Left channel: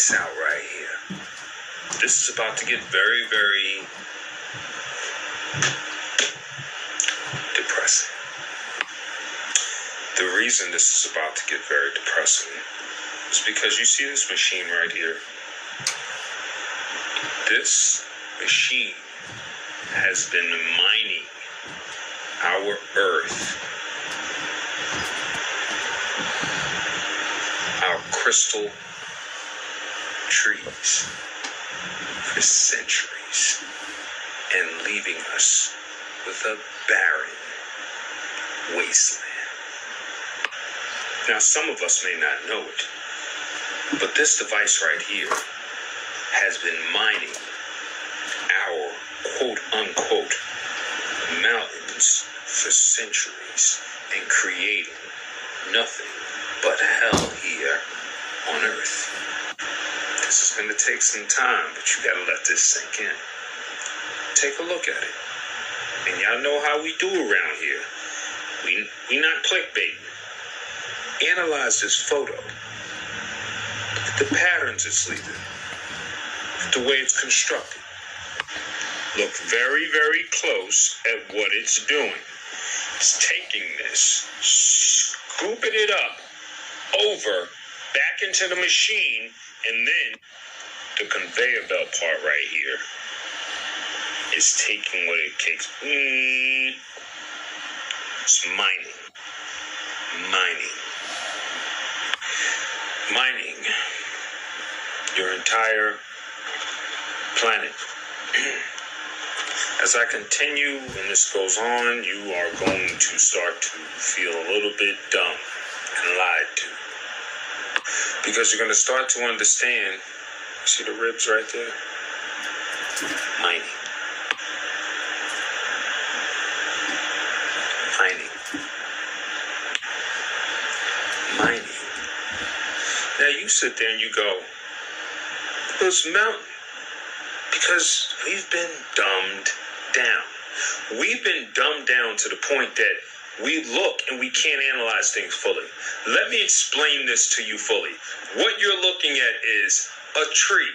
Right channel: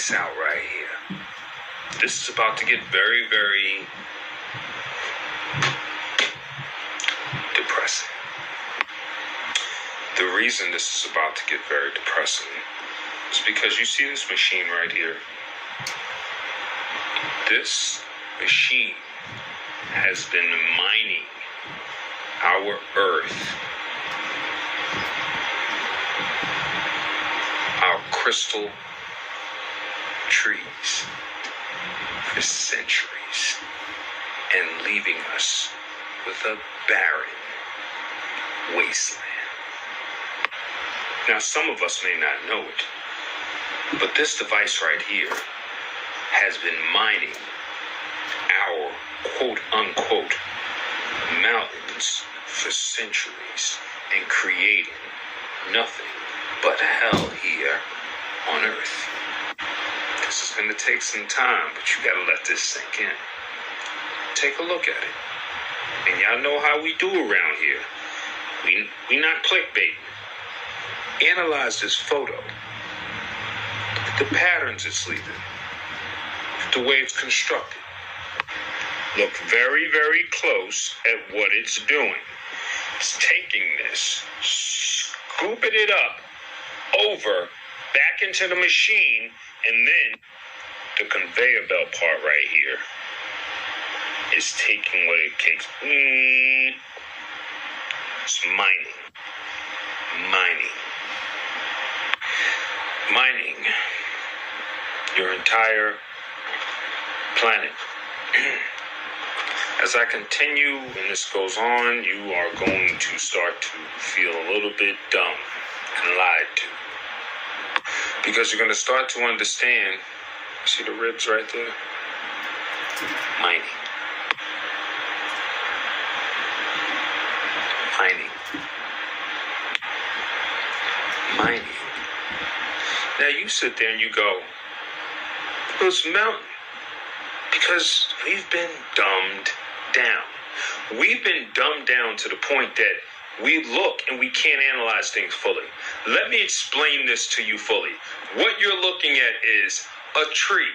this out right here. This is about to get very, very depressing. The reason this is about to get very depressing is because you see this machine right here. This machine has been mining our earth, our crystal trees for centuries and leaving us with a barren wasteland. Now, some of us may not know it, but this device right here has been mining our quote-unquote mountains for centuries and creating nothing but hell here on Earth. This is going to take some time, but you got to let this sink in. Take a look at it. And y'all know how we do around here. We not clickbaiting. Analyze this photo. Look at the patterns it's leaving. Look at the way it's constructed. Look very, very close at what it's doing. It's taking this, scooping it up over back into the machine, and then the conveyor belt part right here is taking what it takes. It's mining your entire planet. As I continue and this goes on, you are going to start to feel a little bit dumb and lied to. Because you're going to start to understand, see the ribs right there? Mining. Now you sit there and you go, well, it's mountain. Because we've been dumbed down. We've been dumbed down to the point that we look and we can't analyze things fully. Let me explain this to you fully. What you're looking at is a tree.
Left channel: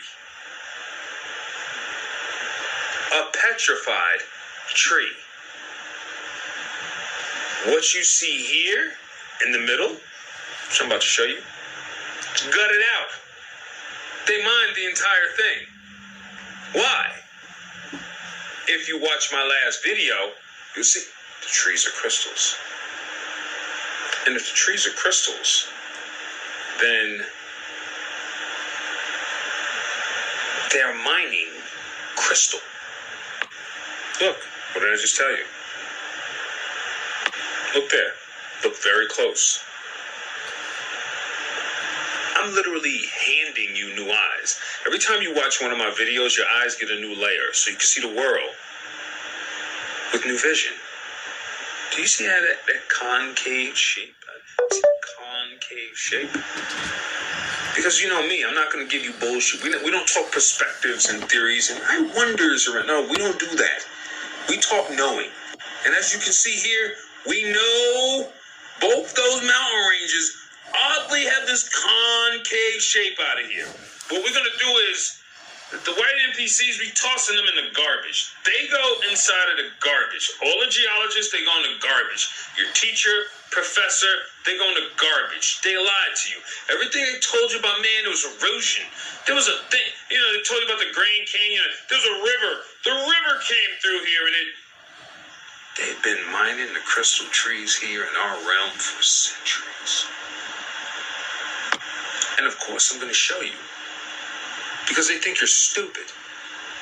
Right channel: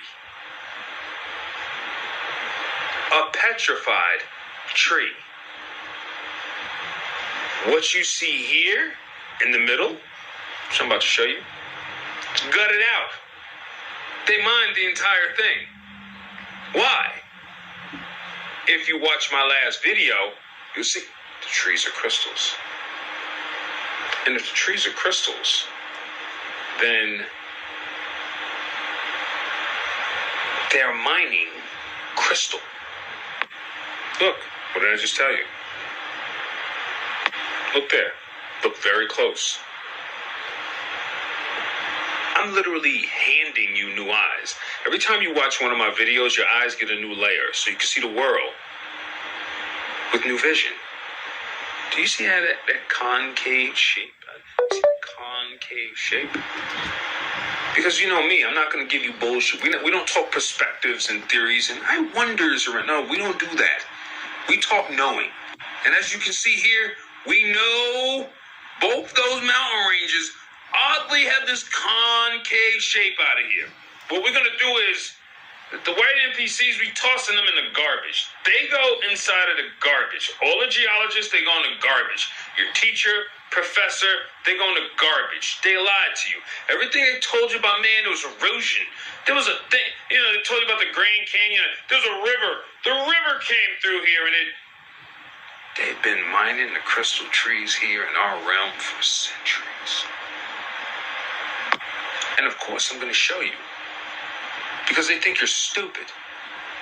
A petrified tree. What you see here in the middle, which I'm about to show you, it's gutted out. They mined the entire thing. Why? If you watch my last video, you'll see the trees are crystals. And if the trees are crystals, then they're mining crystal. Look, what did I just tell you? Look there. Look very close. I'm literally handing you new eyes. Every time you watch one of my videos, your eyes get a new layer so you can see the world with new vision. Do you see how that concave shape? See that concave shape? Because you know me, I'm not going to give you bullshit. We don't talk perspectives and theories and I wonders. No, we don't do that. We talk knowing. And as you can see here, we know both those mountain ranges oddly have this concave shape out of here. What we're going to do is, the white NPCs, we tossing them in the garbage. They go inside of the garbage. All the geologists, they go in the garbage. Your teacher, professor, they go in the garbage. They lied to you. Everything they told you about, man, there was erosion. There was a thing, they told you about the Grand Canyon. There was a river. The river came through here and they've been mining the crystal trees here in our realm for centuries. And of course, I'm going to show you. Because they think you're stupid.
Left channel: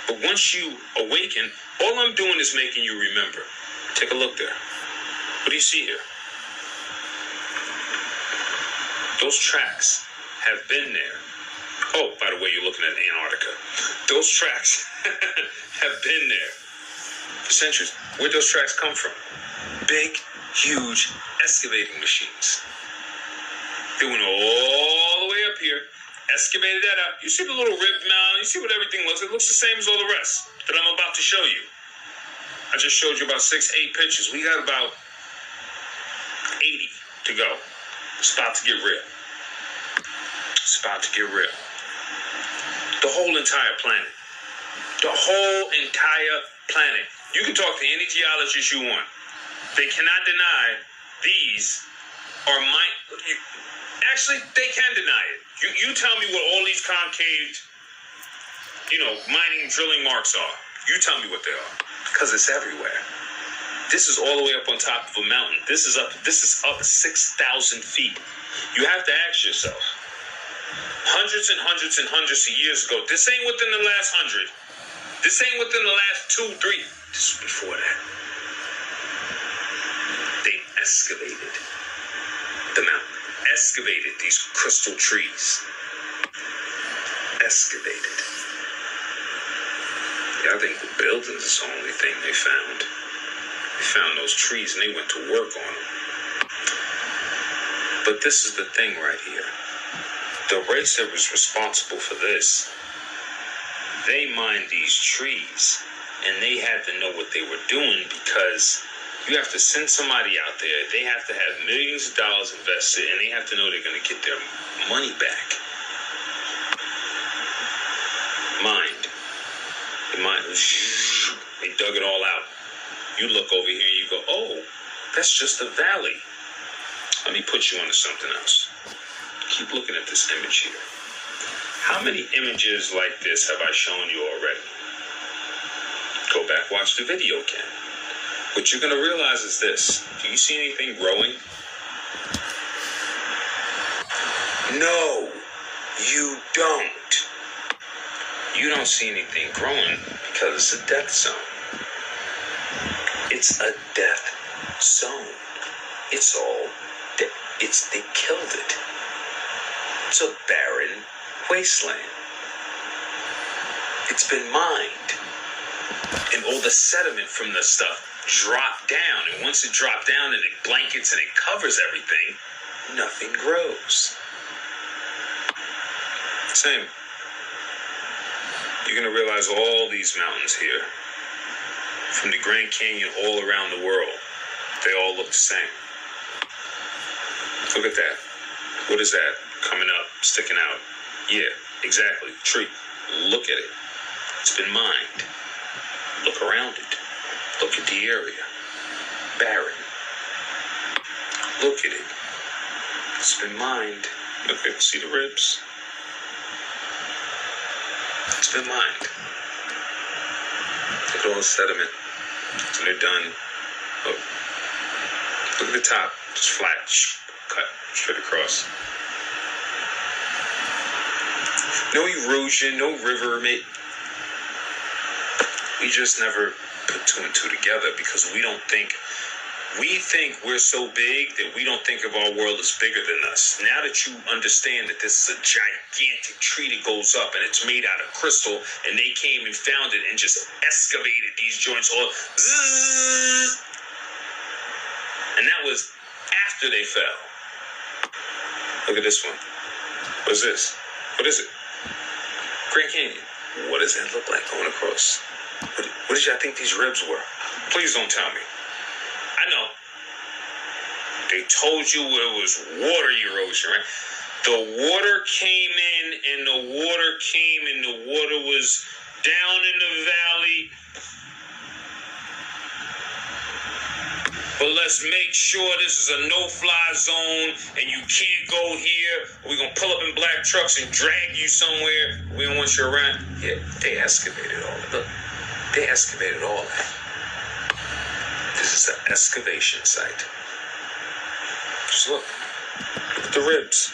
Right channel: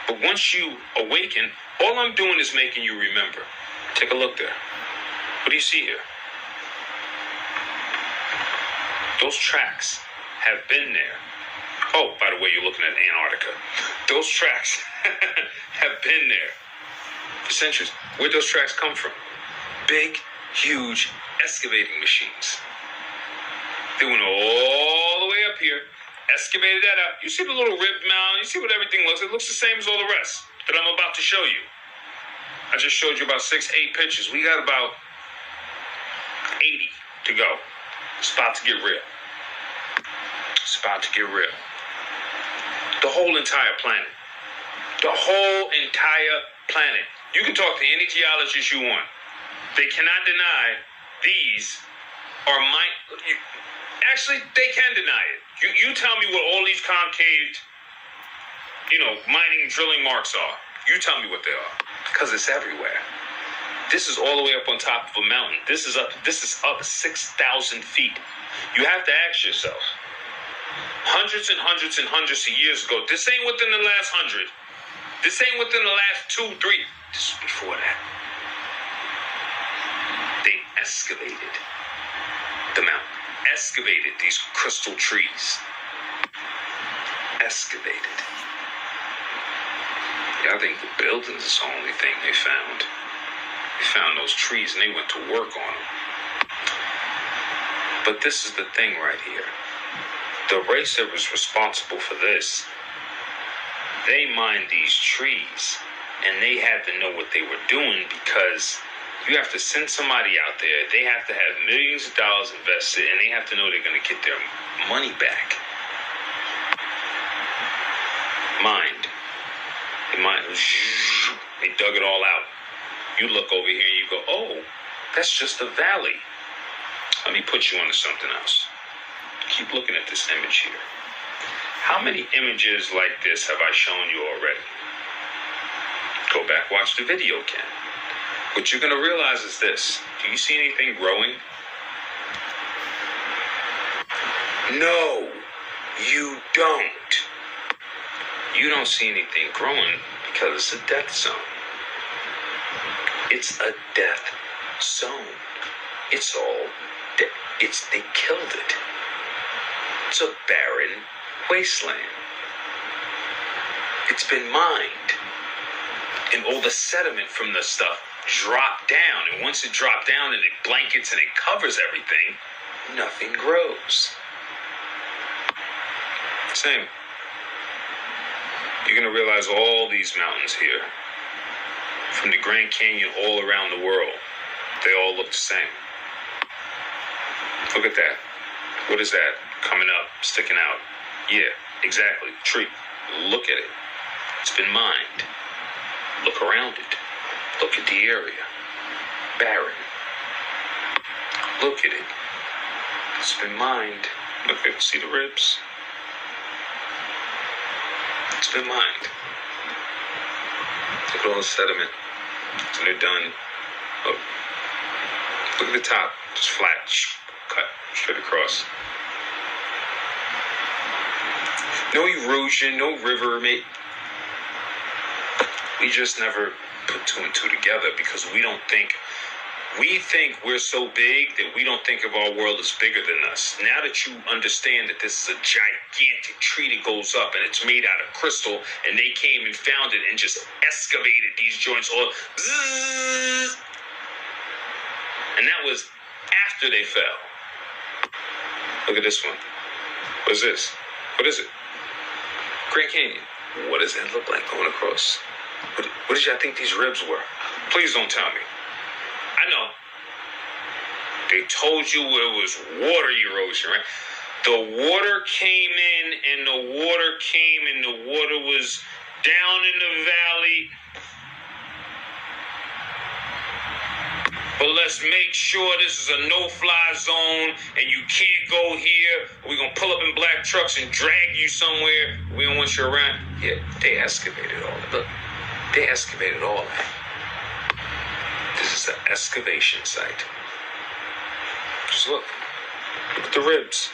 But once you awaken, all I'm doing is making you remember. Take a look there. What do you see here? Those tracks have been there. Oh, by the way, you're looking at Antarctica. Those tracks have been there for centuries. Where'd those tracks come from? Big, huge excavating machines. They went all the way up here, excavated that out. You see the little ribbed mound? You see what everything looks? It looks the same as all the rest that I'm about to show you. I just showed you about 6-8 pictures. We got about 80 to go. It's about to get real. It's about to get real. The whole entire planet. The whole entire planet. You can talk to any geologist you want. They cannot deny these are actually, they can deny it. You tell me what all these concave, mining drilling marks are. You tell me what they are. Because it's everywhere. This is all the way up on top of a mountain. This is up 6,000 feet. You have to ask yourself, hundreds and hundreds and hundreds of years ago, this ain't within the last 100. This ain't within the last 2, 3. This was before that. They excavated the mountain. Excavated these crystal trees. Excavated. Yeah, I think the buildings is the only thing they found. They found those trees and they went to work on them. But this is the thing right here. The race that was responsible for this, they mined these trees and they had to know what they were doing, because you have to send somebody out there. They have to have millions of dollars invested, and they have to know they're going to get their money back. Mined. They dug it all out. You look over here and you go, oh, that's just a valley. Let me put you onto something else. Keep looking at this image here. How many images like this have I shown you already? Go back, watch the video again. What you're going to realize is this. Do you see anything growing? No, you don't. You don't see anything growing because it's a death zone. It's a death zone. It's all they killed it. It's a barren wasteland. It's been mined. And all the sediment from the stuff dropped down. And once it dropped down and it blankets and it covers everything, nothing grows. Same. You're going to realize all these mountains here, from the Grand Canyon all around the world, they all look the same. Look at that. What is that? Coming up, sticking out. Yeah, exactly. Tree. Look at it. It's been mined. Look around it. Look at the area. Barren. Look at it. It's been mined. Look at it. See the ribs? It's been mined. Look at all the sediment. So they're done. Oh. Look at the top. Just flat. Cut straight across. No erosion, no river, mate. We just never put two and two together because we think we're so big that we don't think of our world as bigger than us. Now that you understand that this is a gigantic tree that goes up and it's made out of crystal, and they came and found it and just excavated these joints all, zzz, and that was after they fell. Look at this one. What is this? What is it? Grand Canyon. What does that look like going across? What did y'all think these ribs were? Please don't tell me. I know. They told you it was water erosion, right? The water came in and the water was down in the valley. But let's make sure this is a no-fly zone and you can't go here. We're going to pull up in black trucks and drag you somewhere. We don't want you around. Yeah, they excavated all of it. They excavated all that. This is an excavation site. Just look. Look at the ribs.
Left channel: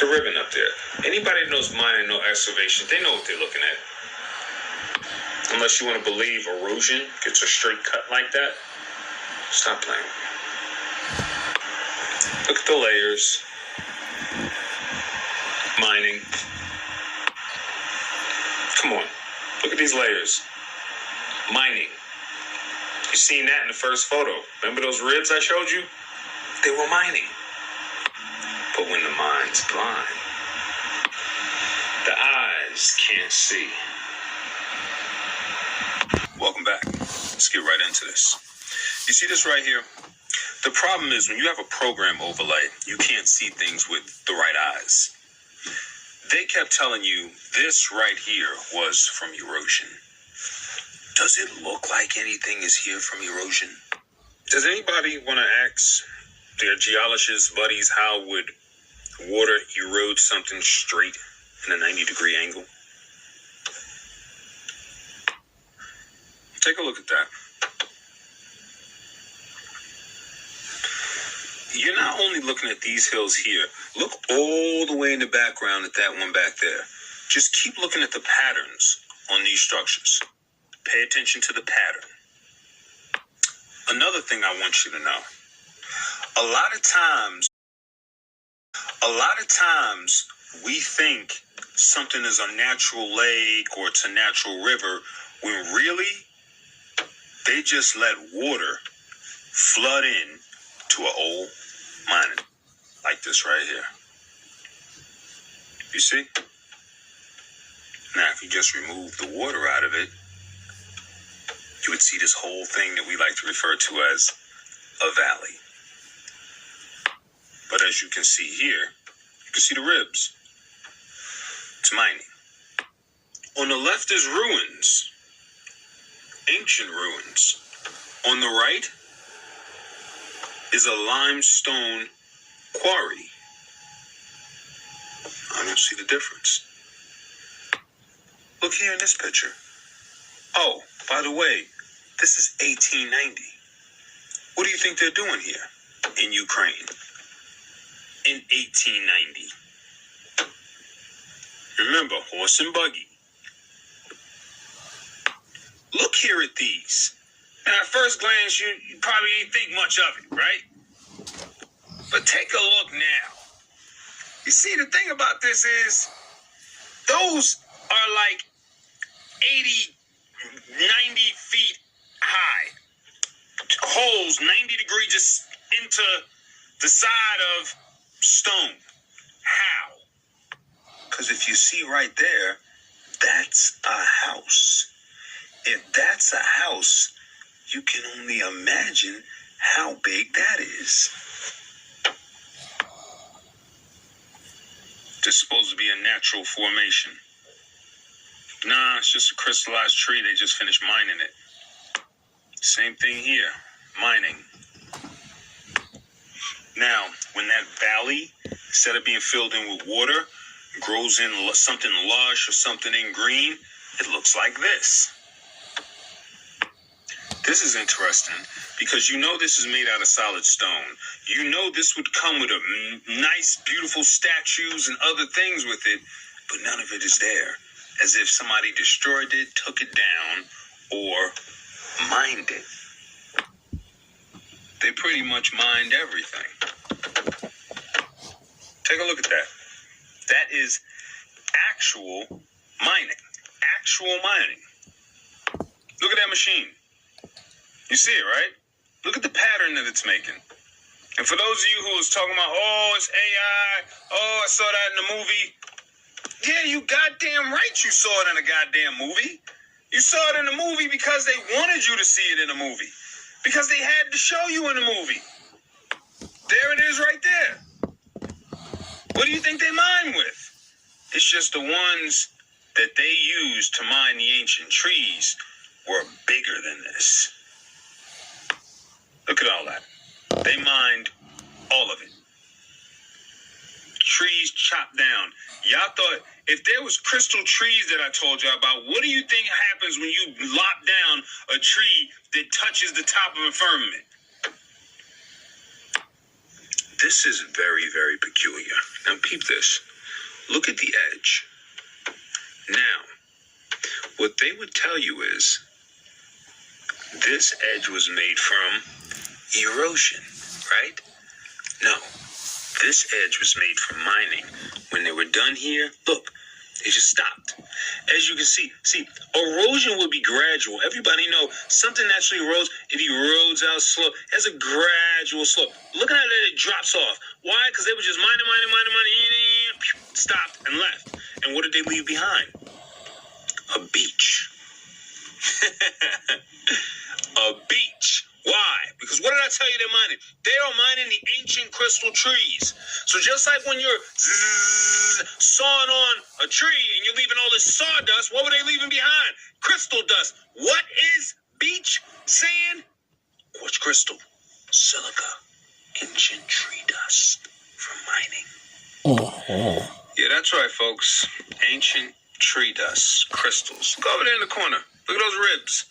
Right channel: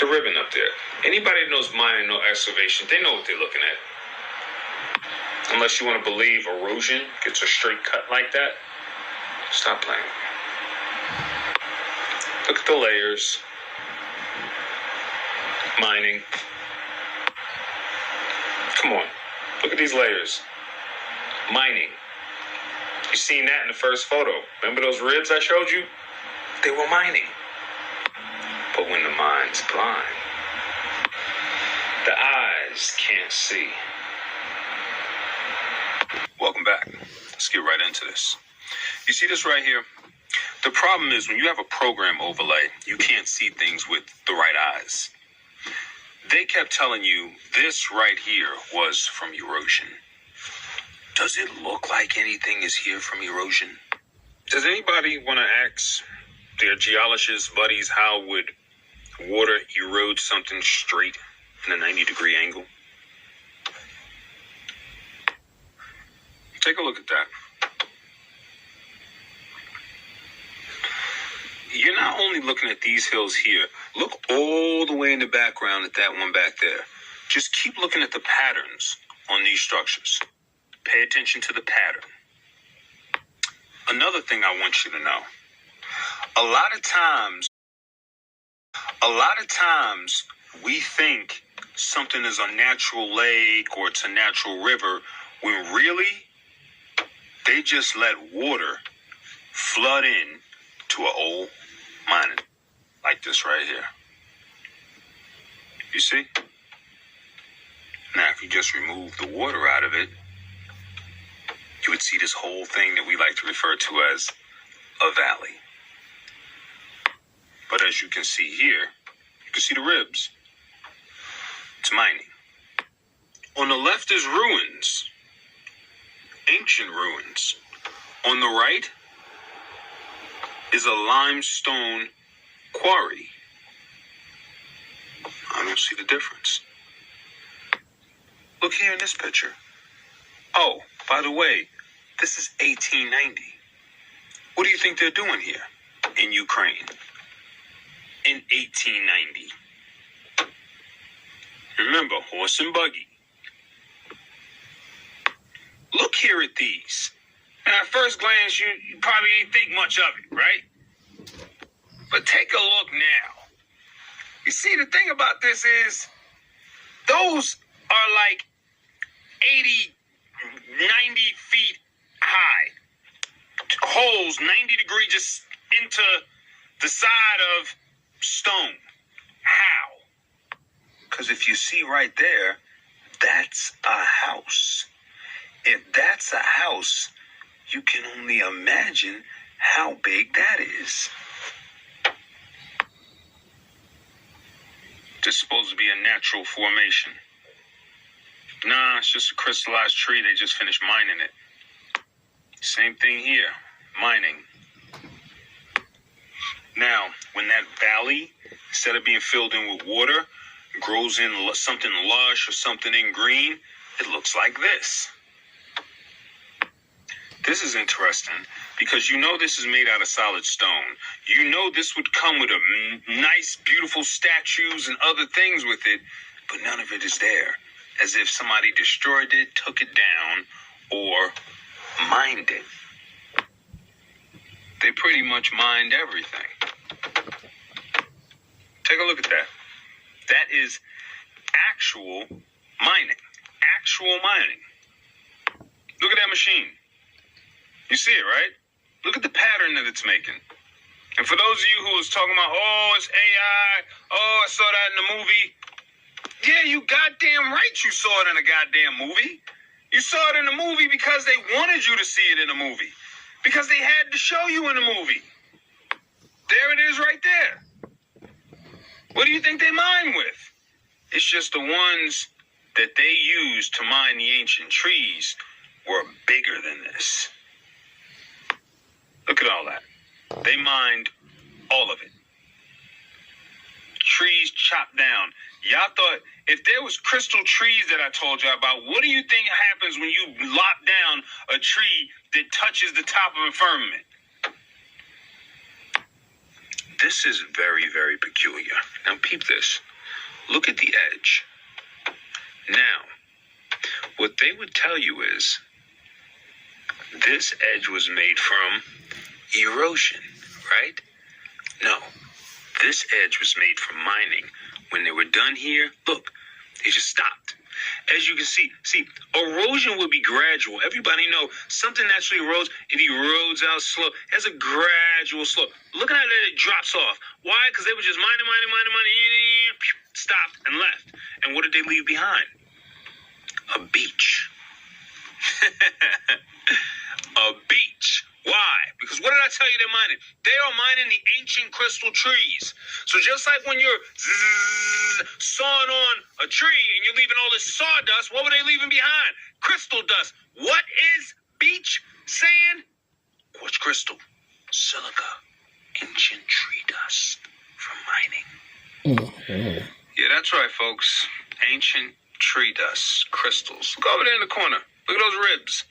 The ribbon up there. Anybody that knows mining, no excavation, they know what they're looking at. Unless you want to believe erosion gets a straight cut like that. Stop playing. Look at the layers. Mining. Come on. Look at these layers. Mining. You seen that in the first photo. Remember those ribs I showed you? They were mining. But when the mind's blind, the eyes can't see. Welcome back. Let's get right into this. You see this right here? The problem is when you have a program overlay, you can't see things with the right eyes. They kept telling you this right here was from erosion. Does it look like anything is here from erosion? Does anybody want to ask their geologist buddies how would water erode something straight in a 90-degree angle? Take a look at that. You're not only looking at these hills here. Look all the way in the background at that one back there. Just keep looking at the patterns on these structures. Pay attention to the pattern. Another thing I want you to know. A lot of times we think something is a natural lake or it's a natural river when really they just let water flood in to an old mining like this right here. You see? Now, if you just remove the water out of it, you would see this whole thing that we like to refer to as a valley. But as you can see here, you can see the ribs. It's mining. On the left is ruins, ancient ruins. On the right is a limestone quarry. I don't see the difference. Look here in this picture. Oh, by the way, this is 1890. What do you think they're doing here in Ukraine in 1890? Remember, horse and buggy. Look here at these. And at first glance, you probably ain't think much of it, right? But take a look now. You see, the thing about this is, those are like 80, 90 feet high. Holes 90 degrees just into the side of stone. How? Because if you see right there, that's a house. If that's a house, you can only imagine how big that is. This is supposed to be a natural formation. Nah, it's just a crystallized tree. They just finished mining it. Same thing here, mining. Now, when that valley, instead of being filled in with water, grows in something lush or something in green, it looks like this. This is interesting because you know this is made out of solid stone. You know this would come with a nice, beautiful statues and other things with it, but none of it is there. As if somebody destroyed it, took it down, or mined it. They pretty much mined everything. Take a look at that. That is actual mining. Actual mining. Look at that machine. You see it, right? Look at the pattern that it's making. And for those of you who was talking about, oh, it's AI, oh, I saw that in the movie. Yeah, you goddamn right you saw it in a goddamn movie. You saw it in the movie because they wanted you to see it in the movie. Because they had to show you in the movie. There it is right there. What do you think they mine with? It's just the ones that they used to mine the ancient trees were bigger than this. Look at all that. They mined all of it. Trees chopped down. Y'all thought, if there was crystal trees that I told you about, what do you think happens when you lop down a tree that touches the top of a firmament? This is very, very peculiar. Now peep this. Look at the edge. Now, what they would tell you is, this edge was made from erosion, right? No, this edge was made from mining. When they were done here, look, they just stopped. As you can see, erosion would be gradual. Everybody know something naturally erodes. It erodes out slow. It has a gradual slope. Look at how that it drops off. Why? Because they were just mining, stopped and left. And what did they leave behind? A beach. A beach. Why? Because what did I tell you they're mining? They are mining the ancient crystal trees. So just like when you're sawing on a tree and you're leaving all this sawdust, what were they leaving behind? Crystal dust. What is beach sand? Quartz crystal. Silica. Ancient tree dust from mining. Yeah, that's right, folks. Ancient tree dust. Crystals. Look over there in the corner. Look at those ribs.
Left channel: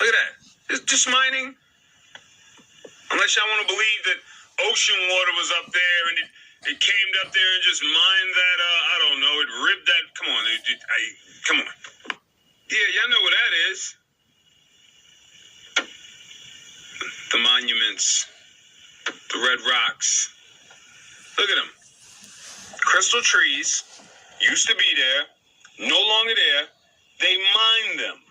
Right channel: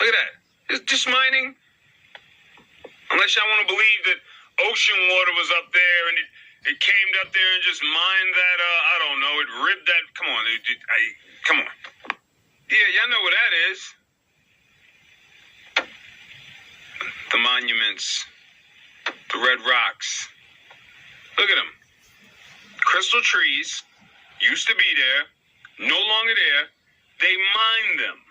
Look at that. It's just mining. Unless y'all want to believe that ocean water was up there and it came up there and just mined that, I don't know, it ribbed that. Come on, come on. Yeah, y'all know what that is. The monuments, the red rocks. Look at them. Crystal trees used to be there, no longer there. They mined them.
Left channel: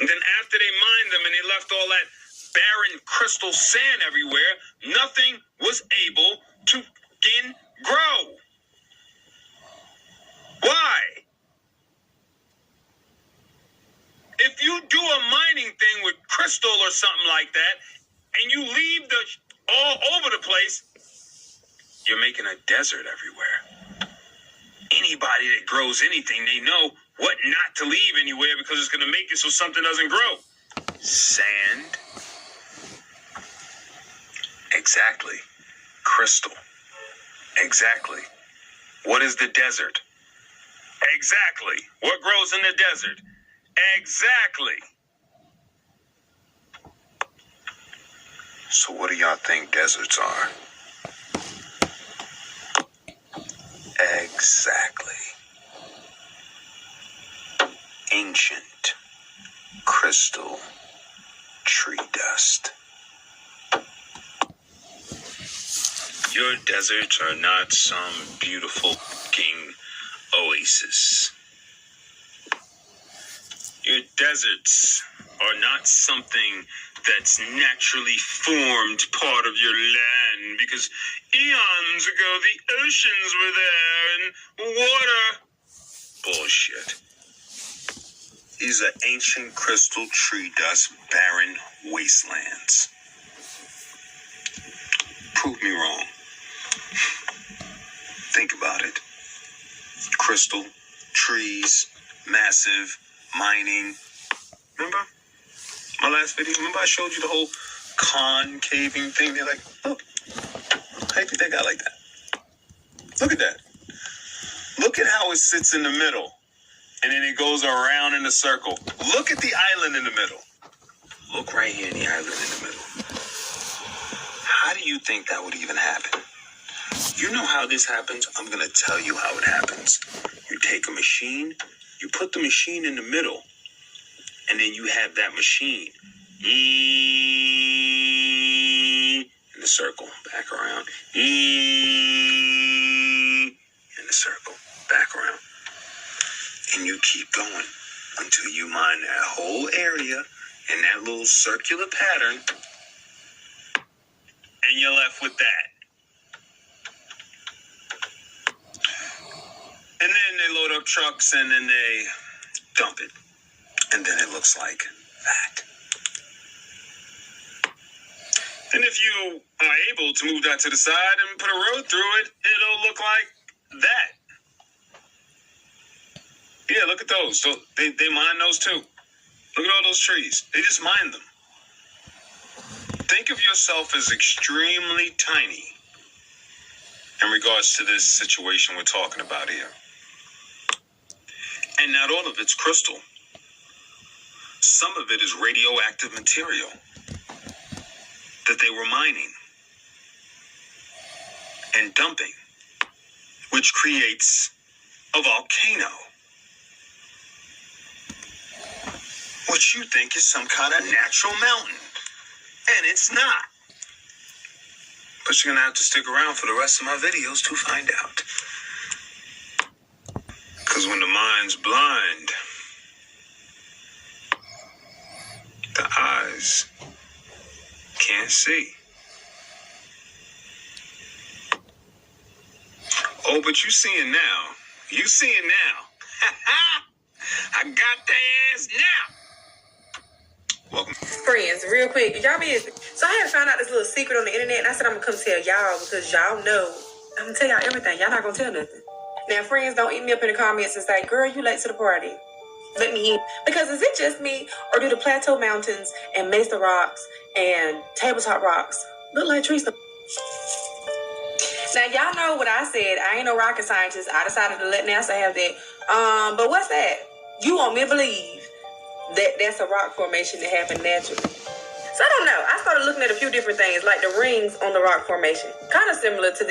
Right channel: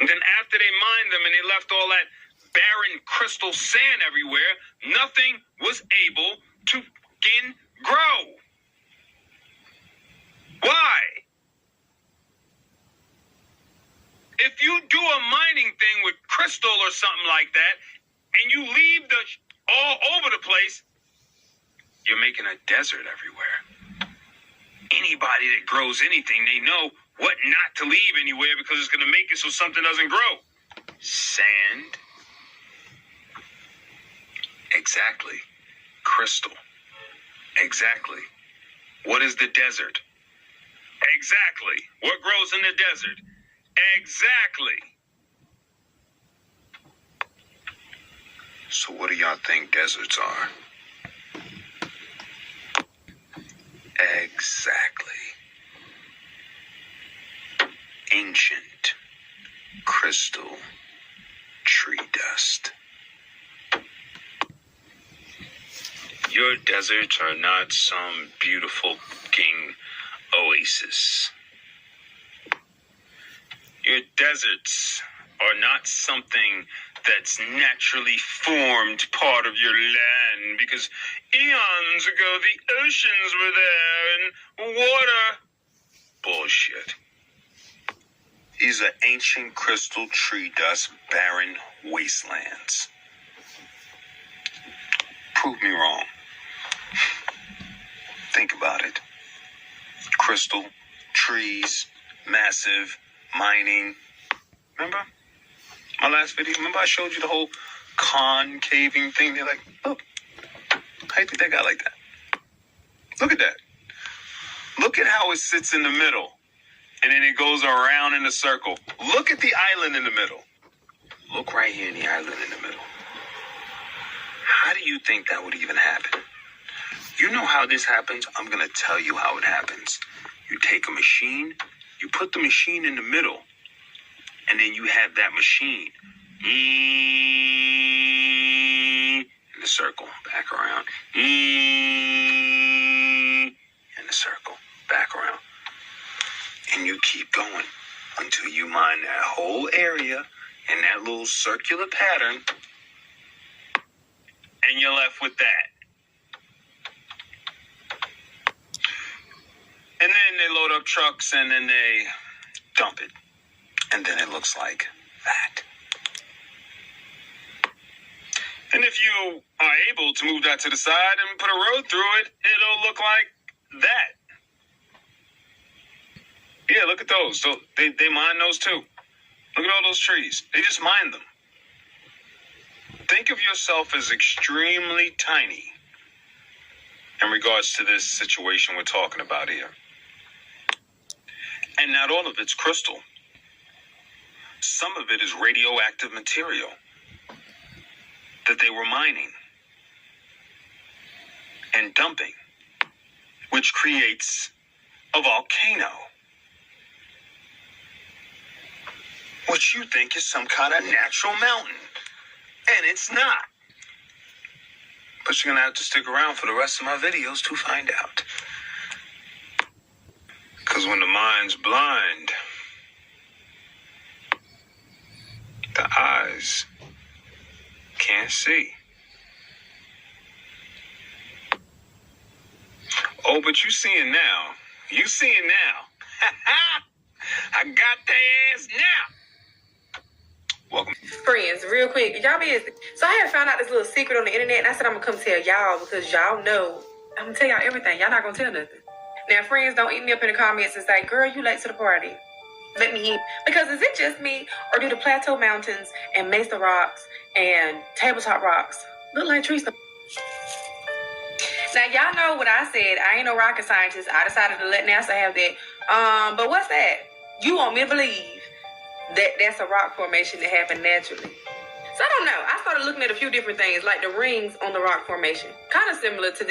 And then after they mined them and they left all that barren crystal sand everywhere, nothing was able to grow. Why? If you do a mining thing with crystal or something like that, and you leave the all over the place, you're making a desert everywhere. Anybody that grows anything, they know what not to leave anywhere because it's going to make it so something doesn't grow. Sand. Exactly. Crystal. Exactly. What is the desert? Exactly. What grows in the desert? Exactly. So what do y'all think deserts are? Exactly. Ancient crystal tree dust. Your deserts are not some beautiful looking oasis. Your deserts are not something that's naturally formed part of your land because eons ago the oceans were there and water. Bullshit. These are ancient crystal tree dust barren wastelands. Prove me wrong. Think about it. Crystal, trees, massive, mining. Remember my last video? Remember I showed you the whole concaving thing? They're like, look, how do you think they got like that? Look at that. Look at how it sits in the middle. And then it goes around in a circle. Look at the island in the middle. Look right here in the island in the middle. How do you think that would even happen? You know how this happens? I'm going to tell you how it happens. You take a machine, you put the machine in the middle, and then you have that machine in the circle, back around, in the circle, back around. And you keep going until you mine that whole area in that little circular pattern, and you're left with that. And then they load up trucks and then they dump it. And then it looks like that. And if you are able to move that to the side and put a road through it, it'll look like that. Yeah, look at those. So they mine those too. Look at all those trees. They just mine them. Think of yourself as extremely tiny in regards to this situation we're talking about here. And not all of it's crystal. Some of it is radioactive material that they were mining and dumping, which creates a volcano, which you think is some kind of natural mountain. And it's not. But you're going to have to stick around for the rest of my videos to find out. Because when the mind's blind, the eyes can't see. Oh, but you seeing now. You seeing now. I got their ass now. Welcome. Friends, real quick, y'all busy. So I had found out this little secret on the internet, and I said I'm gonna come tell y'all because y'all know I'm gonna tell y'all everything. Y'all not gonna tell nothing. Now, friends, don't eat me up in the comments and say, girl, you late to the party. Let me eat. Because is it just me, or do the Plateau Mountains and Mesa Rocks and Tabletop Rocks look like trees? Now, y'all know what I said. I ain't no rocket scientist. I decided to let NASA have that. But what's that? You want me to believe that that's a rock formation that happened naturally. So I don't know. I started looking at a few different things, like the rings on the rock formation. Kind of similar to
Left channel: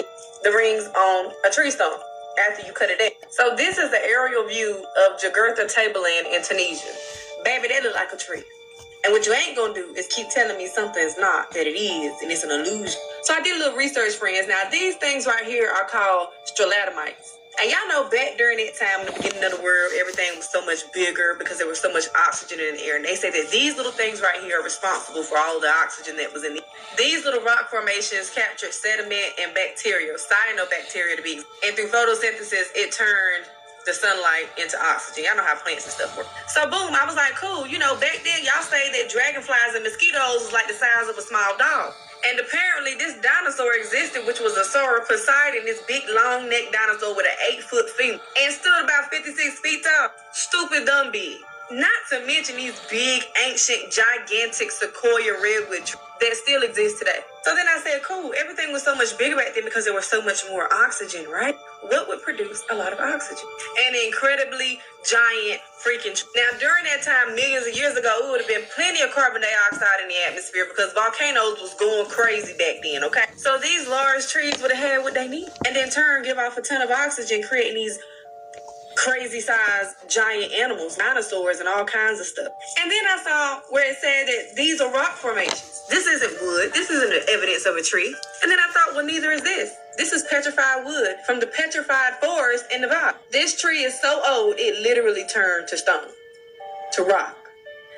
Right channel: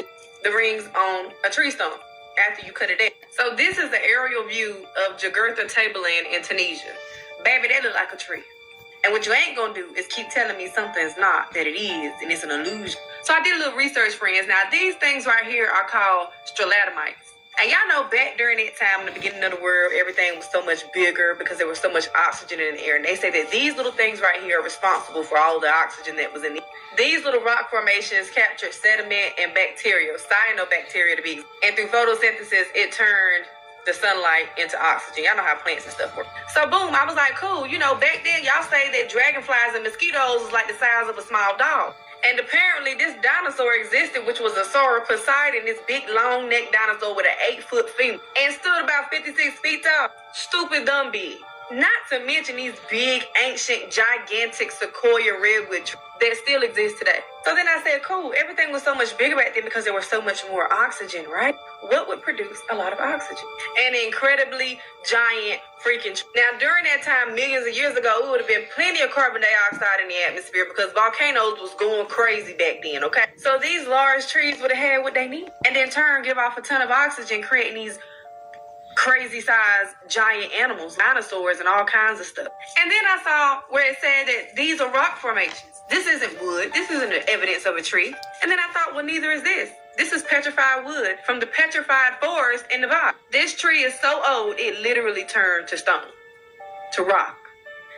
the rings on a tree stump after you cut it down. So this is the aerial view of Jakarta Tableland in Tunisia. Baby, that look like a tree. And what you ain't gonna do is keep telling me something's not, that it is, and it's an illusion. So I did a little research, friends. Now, these things right here are called stalagmites. And y'all know back during that time, in the beginning of the world, everything was so much bigger because there was so much oxygen in the air. And they say that these little things right here are responsible for all the oxygen that was in the air. These little rock formations captured sediment and bacteria, cyanobacteria to be. And through photosynthesis, it turned the sunlight into oxygen. Y'all know how plants and stuff work. So boom, I was like, cool. You know, back then y'all say that dragonflies and mosquitoes was like the size of a small dog. And apparently this dinosaur existed, which was a sauropod, this big long neck dinosaur with an 8-foot femur, and stood about 56 feet tall. Stupid dumb big. Not to mention these big, ancient, gigantic sequoia redwood trees that still exist today. So then I said, cool, everything was so much bigger back then because there was so much more oxygen, right? What would produce a lot of oxygen? An incredibly giant freaking tree. Now, during that time, millions of years ago, it would have been plenty of carbon dioxide in the atmosphere because volcanoes was going crazy back then, okay? So these large trees would have had what they need and in turn give off a ton of oxygen, creating these crazy sized giant animals, dinosaurs, and all kinds of stuff. And then I saw where it said that these are rock formations. This isn't wood. This isn't the evidence of a tree. And then I thought, well, neither is this. This is petrified wood from the petrified forest in Nevada. This tree is so old, it literally turned to stone, to rock.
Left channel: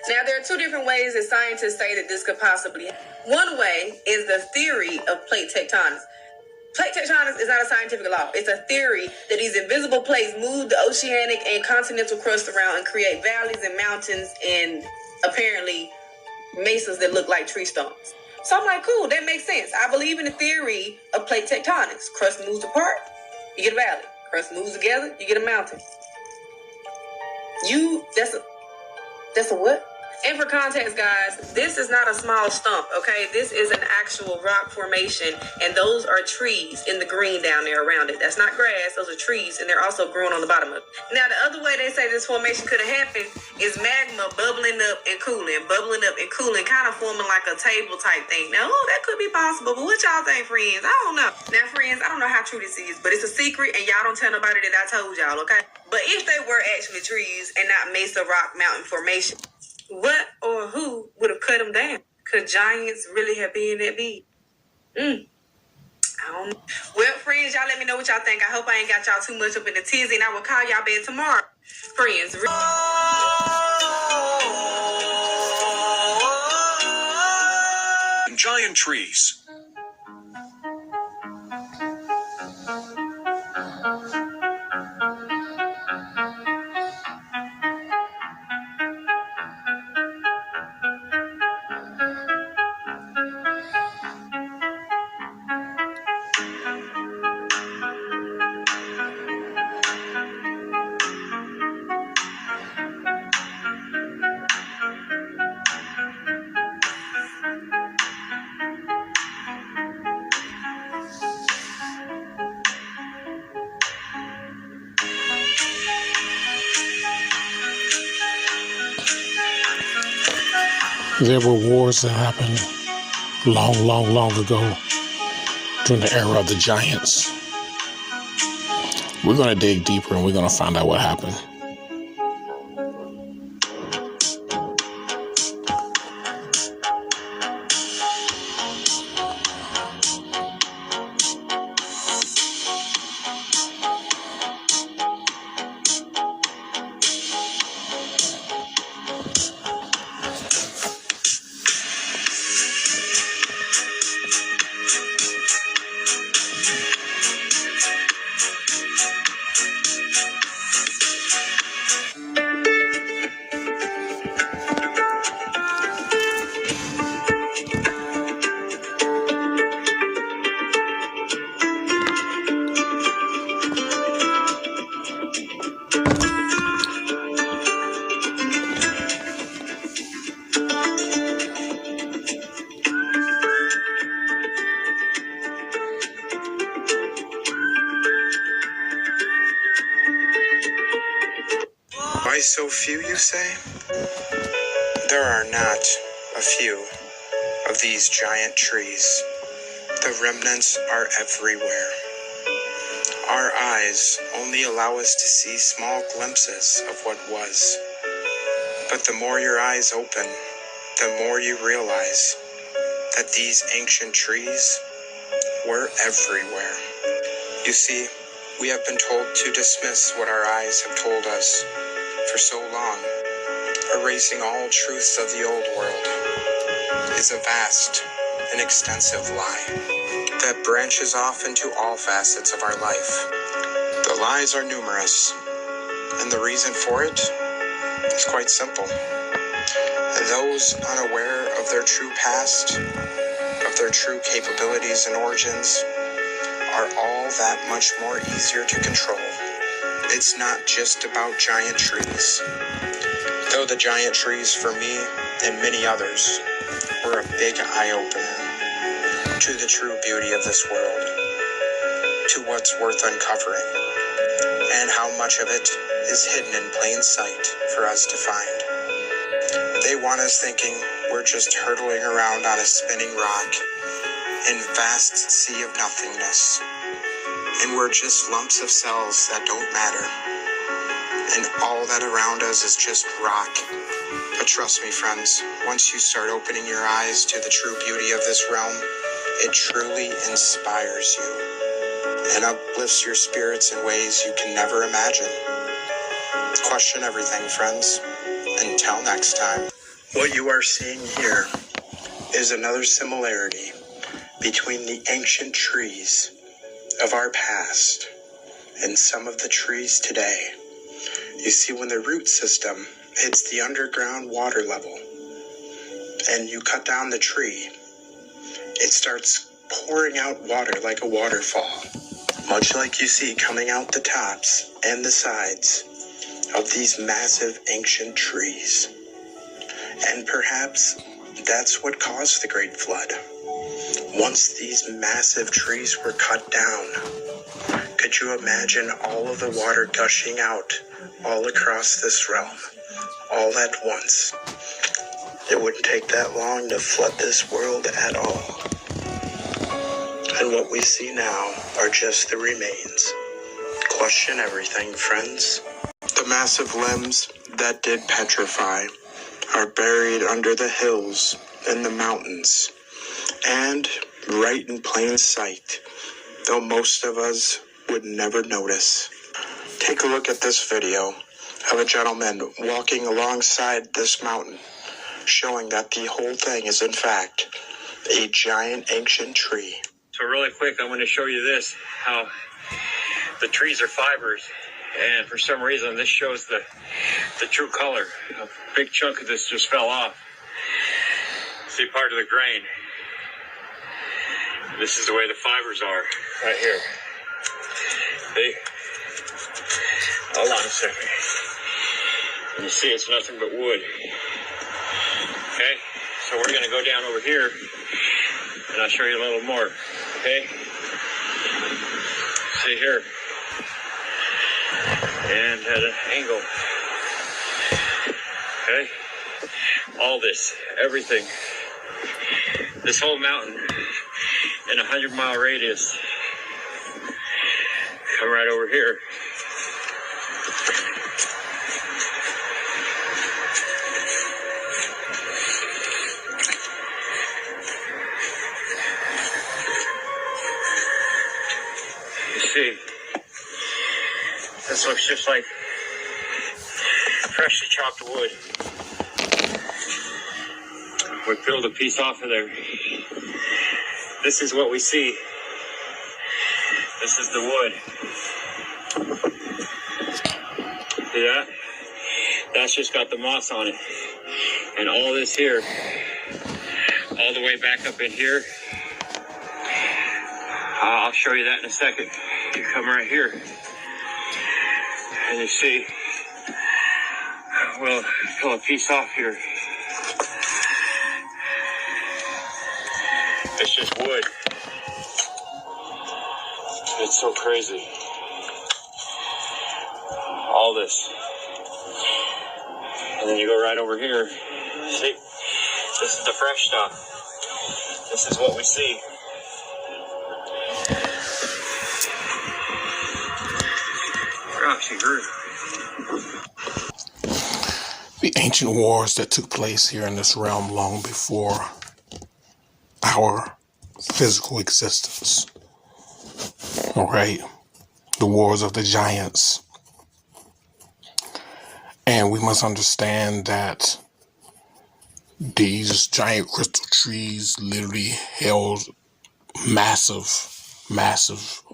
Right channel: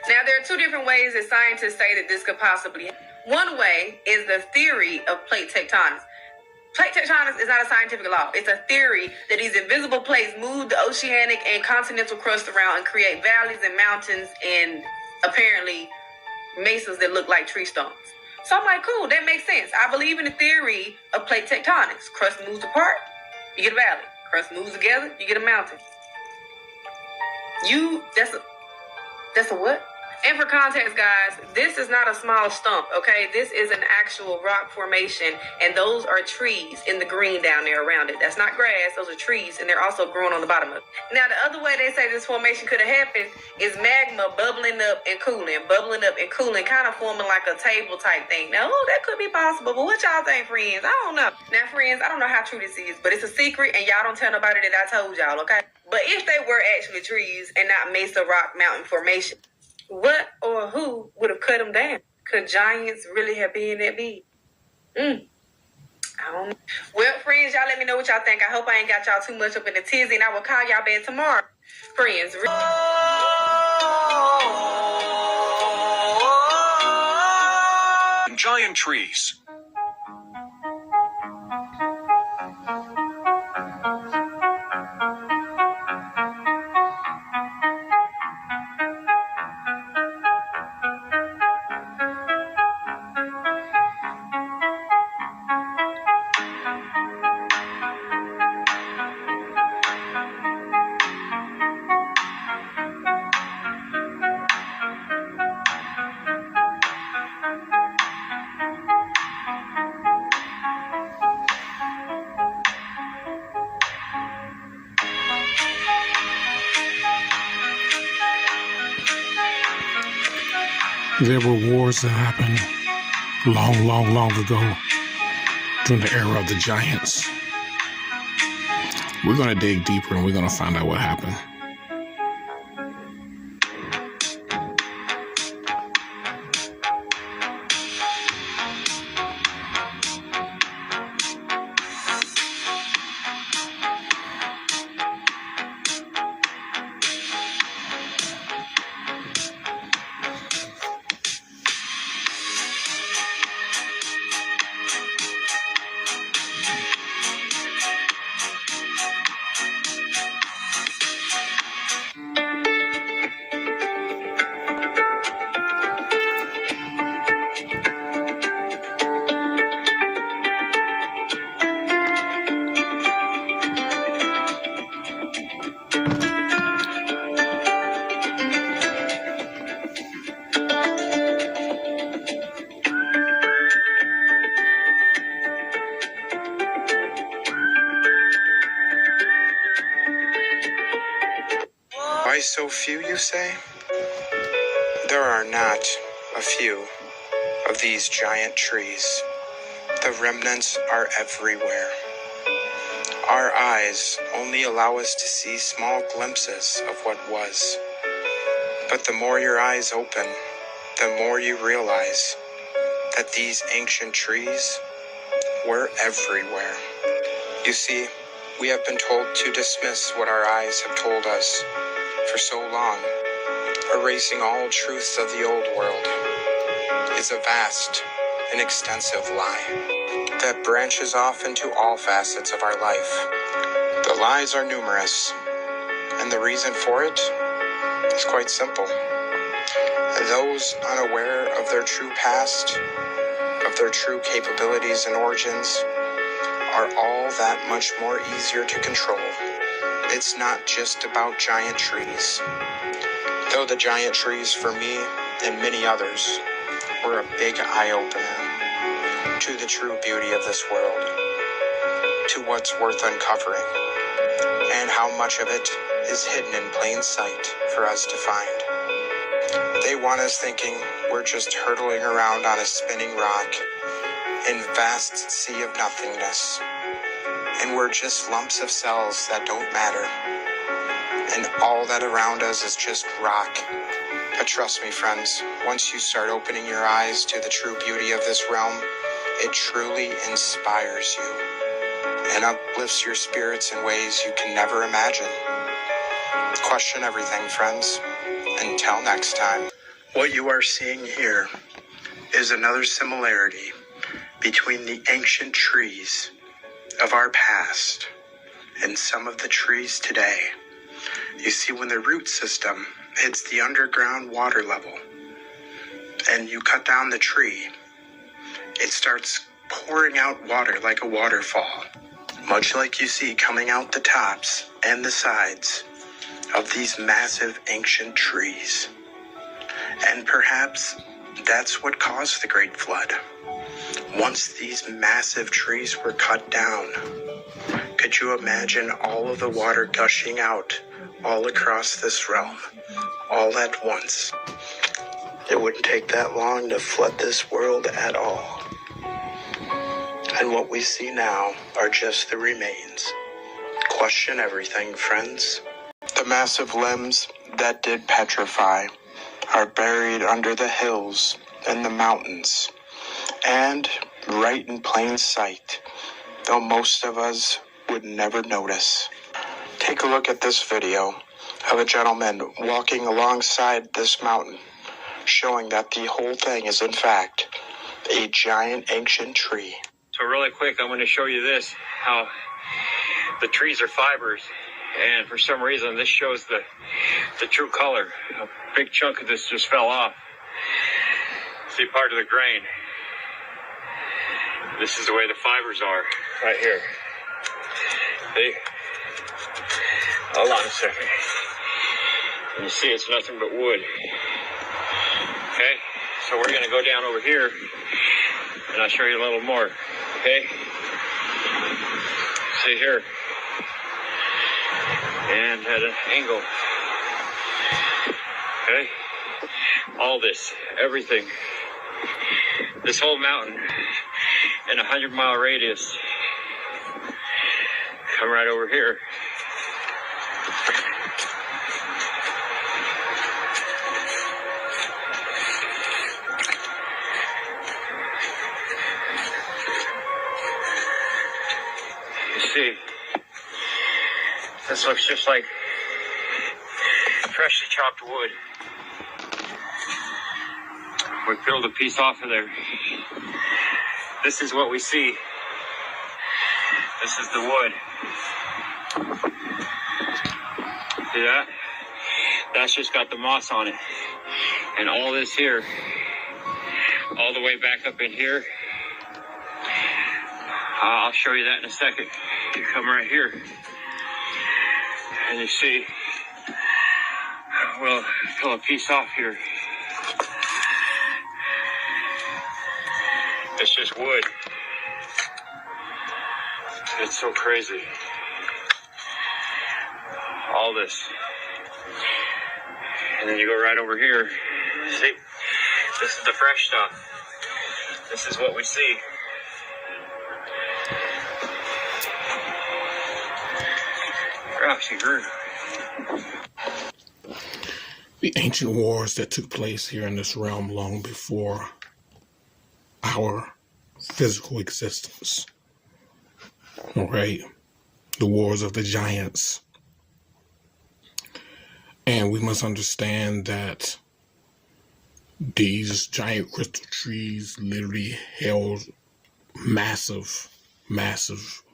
Now, there are two different ways that scientists say that this could possibly happen. One way is the theory of plate tectonics. Plate tectonics is not a scientific law. It's a theory that these invisible plates move the oceanic and continental crust around and create valleys and mountains and apparently mesas that look like tree stumps. So I'm like, cool, that makes sense. I believe in the theory of plate tectonics. Crust moves apart, you get a valley. Crust moves together, you get a mountain. That's a what? And for context, guys, this is not a small stump, okay? This is an actual rock formation, and those are trees in the green down there around it. That's not grass, those are trees, and they're also growing on the bottom of it. Now, the other way they say this formation could have happened is magma bubbling up and cooling, kind of forming like a table type thing. Now, that could be possible, but what y'all think, friends? I don't know. Now, friends, I don't know how true this is, but it's a secret, and y'all don't tell nobody that I told y'all, okay? But if they were actually trees and not Mesa Rock Mountain Formation, what or who would have cut them down? Could giants really have been that big? I don't know. Well, friends, y'all let me know what y'all think. I hope I ain't got y'all too much up in the tizzy, and I will call y'all back tomorrow. Friends. Giant trees. There were wars that happened long ago during the era of the giants. We're going to dig deeper and we're going to find out what happened. so few, you say? There are not a few of these giant trees. The remnants are everywhere. Our eyes only allow us to see small glimpses of what was. But the more your eyes open, the more you realize that these ancient trees were everywhere. You see, we have been told to dismiss what our eyes have told us for so long. Erasing all truths of the old world is a vast and extensive lie that branches off into all facets of our life. The lies are numerous, and the reason for it is quite simple. Those unaware of their true past, of their true capabilities and origins, are all that much more easier to control. It's not just about giant trees. Though the giant trees for me and many others were a big eye-opener to the true beauty of this world, to what's worth uncovering, and how much of it is hidden in plain sight for us to find. They want us thinking we're just hurtling around on a spinning rock in vast sea of nothingness, and we're just lumps of cells that don't matter, and all that around us is just rock. But trust me, friends, once you start opening your eyes to the true beauty of this realm, it truly inspires you and uplifts your spirits in ways you can never imagine. Question everything, friends. Until next time. What you are seeing here is another similarity between the ancient trees of our past and some of the trees today. You see, when the root system hits the underground water level and you cut down the tree, it starts pouring out water like a waterfall, much like you see coming out the tops and the sides of these massive ancient trees. And perhaps that's what caused the Great Flood. Once these massive trees were cut down, could you imagine all of the water gushing out all across this realm, all at once? It wouldn't take that long to flood this world at all. And what we see now are just the remains. Question everything, friends. The massive limbs that did petrify are buried under the hills and the mountains, and right in plain sight, though most of us would never notice. Take a look at this video of a gentleman walking alongside this mountain, showing that the whole thing is in fact a giant ancient tree. So really quick, I'm going to show you this, how the trees are fibers, and for some reason this shows the true color. A big chunk of this just fell off. See part of the grain. This is the way the fibers are right here. See? Hold on a second. And you see it's nothing but wood. Okay, so we're going to go down over here and I'll show you a little more. Okay, see here, and at an angle. Okay, all this, everything, this whole mountain in a 100-mile radius, come right over here. See, this looks just like freshly chopped wood. We peeled a piece off of there. This is what we see. This is the wood. See that? That's just got the moss on it. And all this here, all the way back up in here, I'll show you that in a second. You come right here and you see, we'll pull a piece off here. It's just wood. It's so crazy. All this. And then you go right over here. See, this is the fresh stuff. This is what we see. She grew. The ancient wars that took place here in this realm long before our physical existence. All right. The wars of the giants. And we must understand that these giant crystal trees literally held massive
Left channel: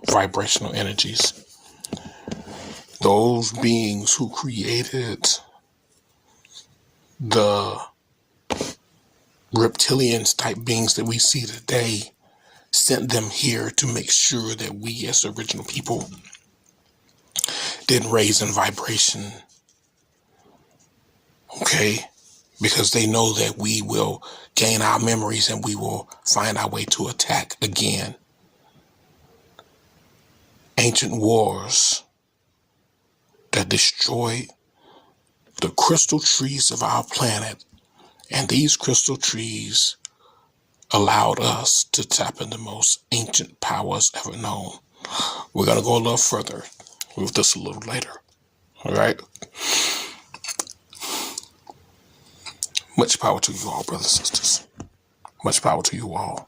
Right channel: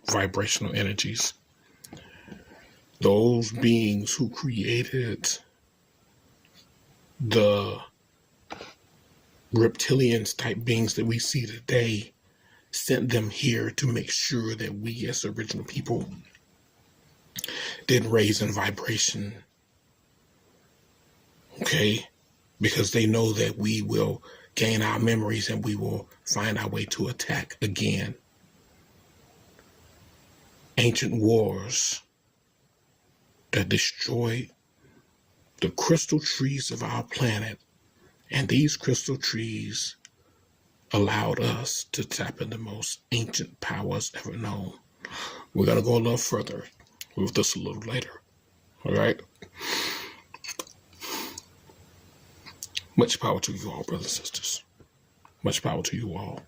vibrational energies. Those beings who created the reptilians type beings that we see today sent them here to make sure that we as original people didn't raise in vibration. Okay? Because they know that we will gain our memories and we will find our way to attack again. Ancient wars that destroyed the crystal trees of our planet, and these crystal trees allowed us to tap into the most ancient powers ever known. We're going to go a little further with this a little later. All right? Much power to you all, brothers and sisters. Much power to you all.